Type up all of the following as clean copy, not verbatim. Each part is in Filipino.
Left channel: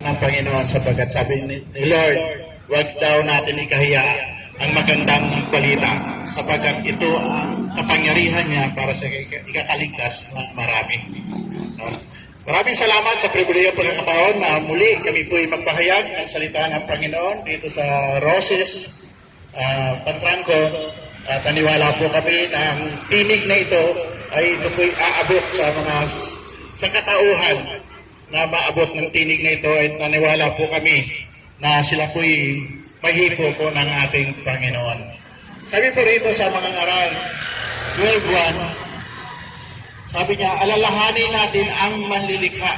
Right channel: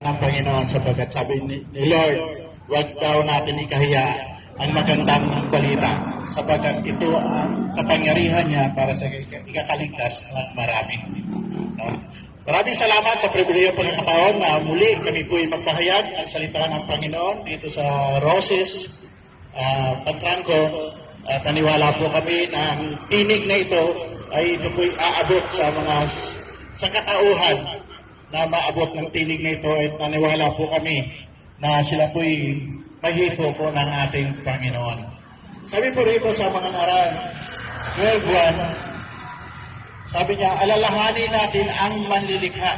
ng Panginoon sapagkat sabi ni Lord, huwag daw natin ikahiya ang magandang balita sapagkat ito ang kapangyarihan niya para sa ikakaligtas ng marami. No? Maraming salamat sa pribileyo pagkakataon na muli kami po ay magpahayag ng salita ng Panginoon dito sa Roses, Pantranco, at naniwala po kami na ang tinig na ito ay ito po ay aabot sa mga sangkatauhan na maabot ng tinig na ito at naniwala po kami na sila po'y mahipo po ng ating Panginoon. Sabi po rito sa mga ngaral 12:1, sabi niya, alalahanin natin ang manlilikha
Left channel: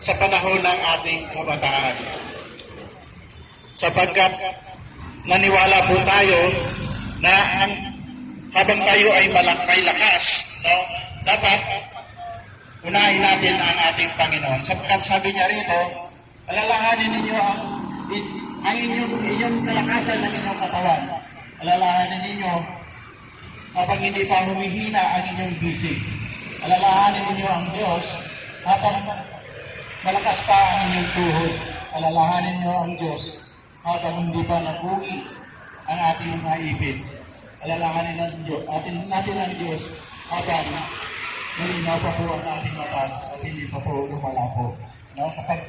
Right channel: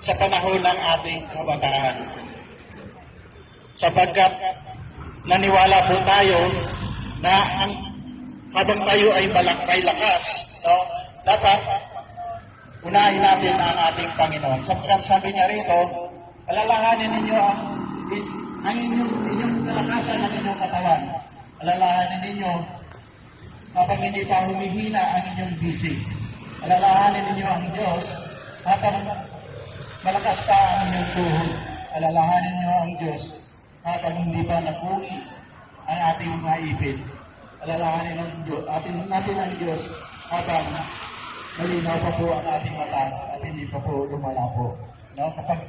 sa panahon ng ating kabataan. Sapagkat naniwala po tayo na habang tayo ay may lakas, no, dapat unahin natin ang ating Panginoon. Sapagkat sabi niya rito, alalahanin ninyo ang inyong kalakasan ng inyong katawan. Alalahanin ninyo habang hindi pa humihina ang inyong bisig. Alalahanin ninyo ang Diyos habang malakas pa ang inyong tuhod. Alalahanin ninyo ang Diyos habang hindi pa nabuhi ang ating mga ipin. Alalahanin natin ang Diyos habang malinaw pa po ang ating mata at hindi pa po lumalabo. No? Kapag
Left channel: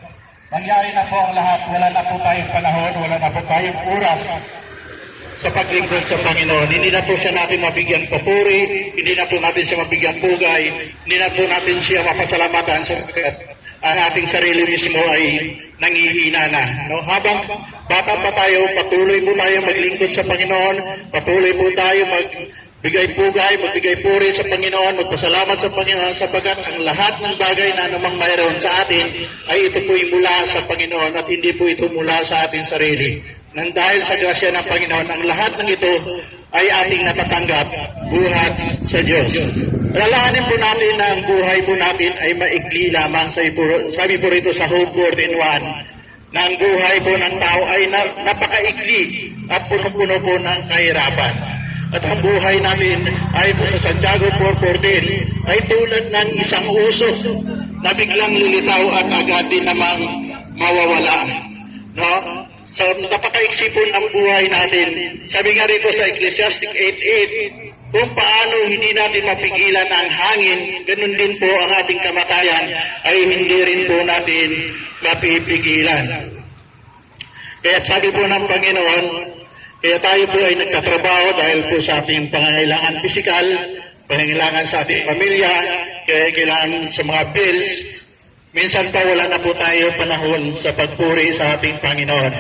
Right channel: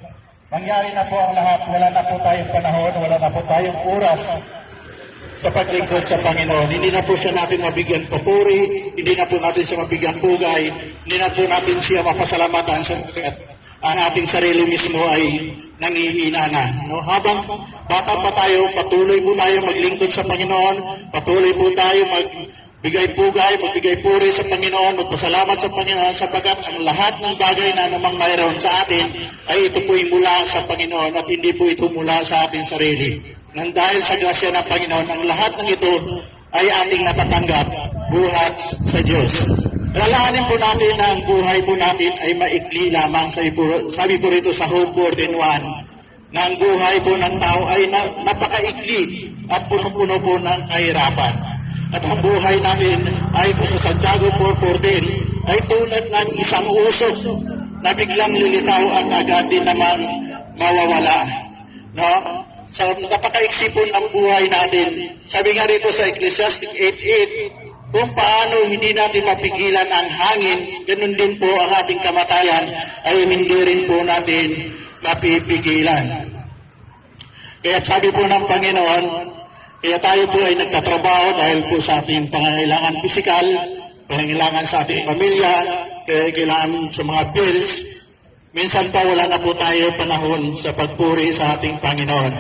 mangyari na po ang lahat, wala na po tayong panahon, wala na po tayong oras sa paglingkod sa Panginoon. Hindi na po siya natin mabigyan papuri, hindi na po natin siya mabigyan pugay, hindi na po natin siya mapasalamatan sapagkat ang ating sarili mismo ay nangihina na. No? Habang bata pa tayo, patuloy po tayo maglingkod sa Panginoon, patuloy po tayo magbigay pugay, magbigay puri sa Panginoon, magpasalamat sa Panginoon sapagkat ang lahat ng bagay na anumang mayroon sa atin ay ito po'y mula sa Panginoon at hindi po ito mula sa ating sarili. Nang dahil sa grasya ng Panginoon, ang lahat ng ito ay ating natatanggap buhat sa Diyos. Lalahanin po natin na ang buhay po natin ay maikli lamang. Sabi po rito sa Hope 14:1 na ang buhay po ng tao ay napakaikli at puno-puno po ng kahirapan. At ang buhay natin ay po sa Santiago 4:14 ay tulad ng isang usok na biglang lilitaw at agad din naman mawawala. No? Sa napakaiksi po ng buhay natin. Sabi nga rito sa Ecclesiastes 8:8, kung paano hindi natin mapigilan ang hangin, ganun din po ang ating kamatayan ay hindi rin po natin mapipigilan. Kaya sabi po ng Panginoon, kaya tayo po ay nagtatrabaho dahil po sa ating pangangailangan pisikal, pangangailangan sa ating pamilya, kailangan sa mga bills. Minsan pa wala na po tayo panahon sa pagpuri sa ating Panginoon.